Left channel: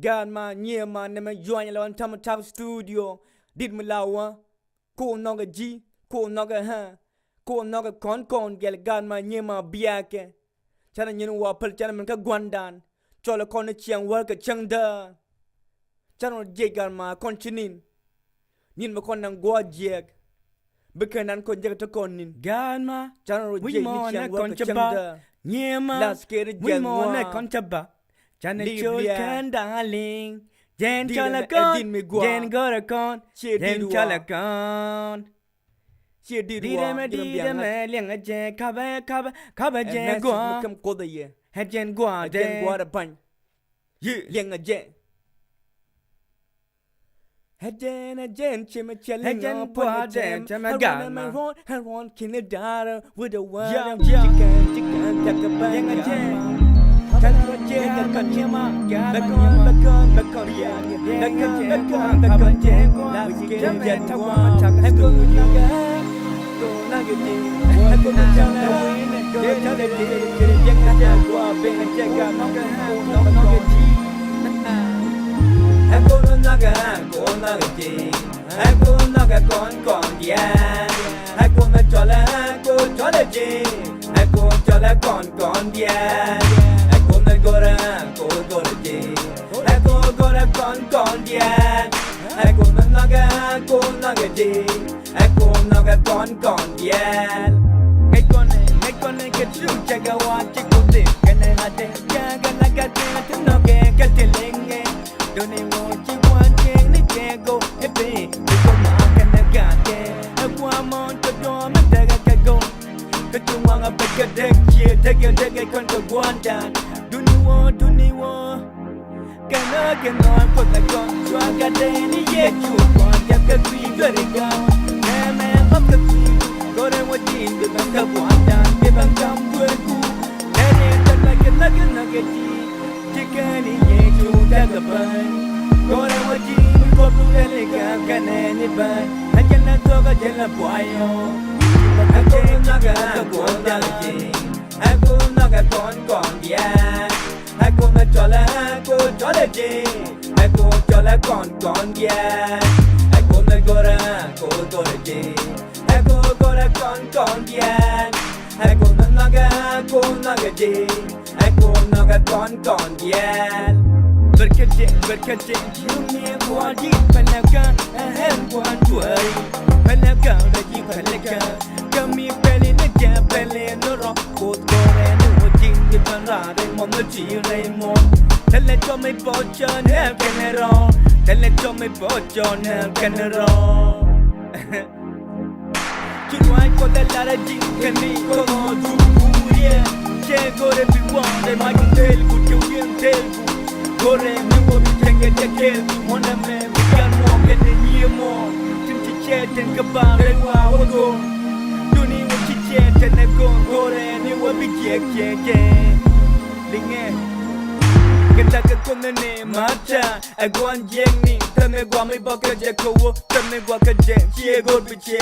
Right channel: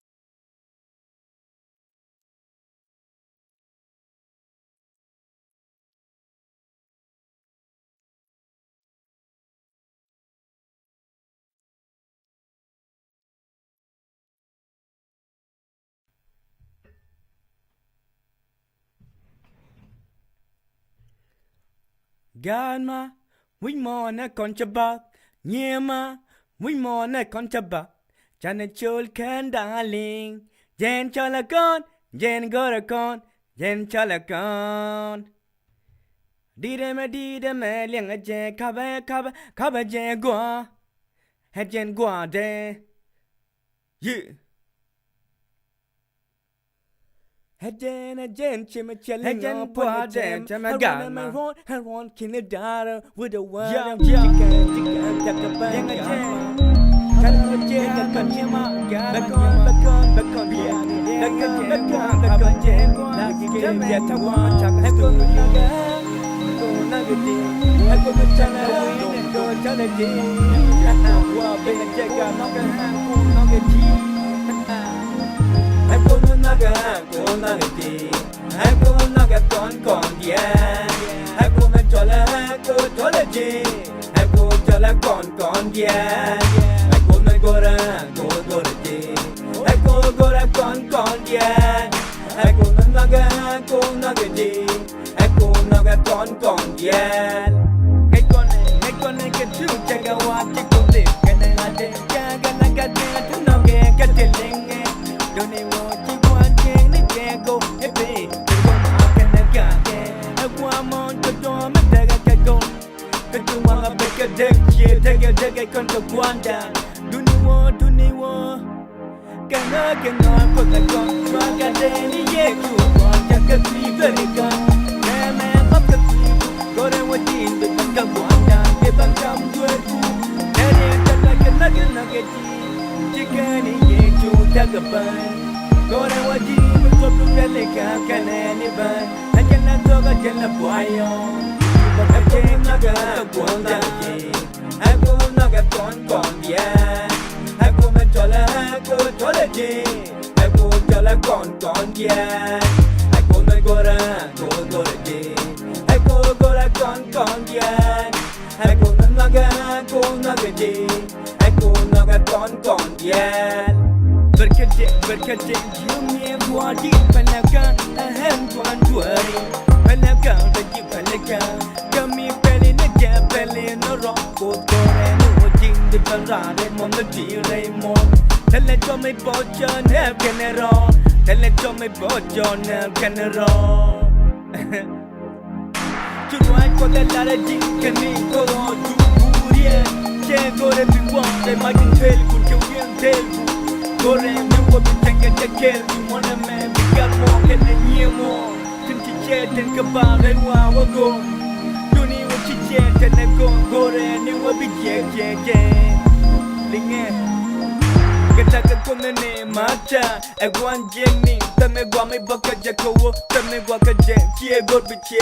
Galma nyema nema joanya lawan tama tap studio dit me lawa ko noga ji ko noga ha ko noga kon gel galma nyema biake chana nyen wa pel chana men ka gwandan chola kon chiang war ka changda chana je galma kon chinin nin ma kon nang gwa jek bekenan kon jek to kon nin Galma we mo na kon chaba nyema we mo na kon chaba chana chol kan darling jen chola kon jen gora kon jen chola kon đi đêm mẹ liền ở chè cà bè chè qua hết chèn qua chè liền ở chè hết chèn chè mà chè hết chèn qua chè chè mà gà mà I want Canada with the world chicken liền ở chè Can I get a consumer? Bacon, Jamaica, Tawama, I go Naga, go Nagati, I go to China, go to China, being a jacket, Nagati. I go to Naga, go Nagati, I go Naga con, yeah. I go to Jola, go Jolaji, I go Jola con, yeah. Gora di, ecco gora con dien, ecco naga di, ecco naga con dien. Ngay con cái chú chaga wa chikuti, cái này là thế, chaga naga di là thứ nó cái linh nghe, đồ này wo chi quan che này che go, epi, cái mà cái này cả che, qua mon cho mất cái con, cái chú hoàng ở bên cái đếch chia, đếch con cái quan đàn. Duniwo Kana kwa la kon Chua ka deni ye chu Kwa ka kwi gariga Neme map ka kwi Gore wa jin Dut ang ka buandan Ke bang kam gure ku Nere tala ka naga ji Chikani ye chu tagapan Gore wa jin Kwa plu galika Kaneni ban Najan na toga jan la buayo Iba ka jen Naga ka buandan Aku naga kon yeah. Aku mencola je. Aku mencola kon yeah. Aku menggora je. Aku gora kon yeah. Aku naga je. Aku naga kon yeah. Berkerja Jumia gua di panakan Ahem gua duari Panakan lagi panakan Kami peli naja peli norok Kod kore ni wajin di panrade Mon na chi raymon Tele cho me bocho nel general Tele cho me bocho nel general Churuai ko de la rejin Kami ko do du kurie Che gore biwan De magin tel ku Kewien tel ku Gore mi wo mi tenge tekel mi mona me bigan mo kene nyemo tin chi che ten ka ba re wa wo go duni wo chi che ten ne go gore ni wo bi je linge kata ka kone ne mata e gwan jeng ni tame gwa me baka je ko wo tame gwa ka je che go bi che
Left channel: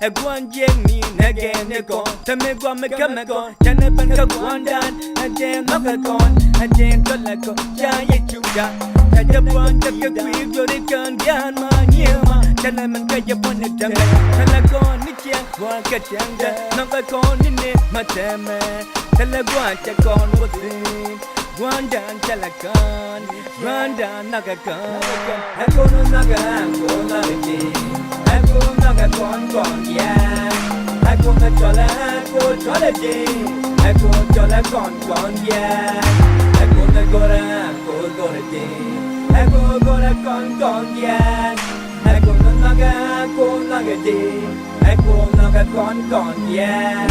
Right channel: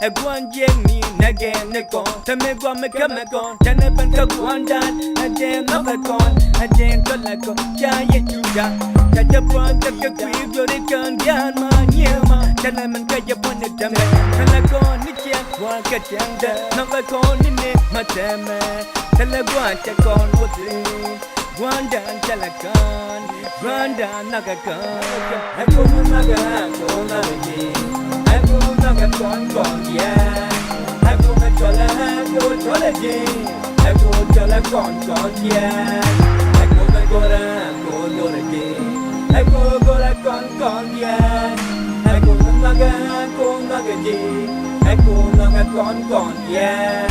e gwan jeng ni na ge ne ko tame gwa me ka me ko chane ban ka gwan dan a je na ba kon a je to la ko cha ye chu ja cha japan cha ka kwi gyo de kan gan ma nyema chane man ka japan ne tame chala ko ni che gwa ka chang da na ba kon ni ne ma tame chala gwa cha kon wo tin Gwandan chalakan, gwandan nagakan. Aku naga ji, aku naga kon yeah. Aku mencola ji, aku cola kon yeah. Aku menggora ji, aku gora kon yeah. Aku naga ji, aku naga kon yeah.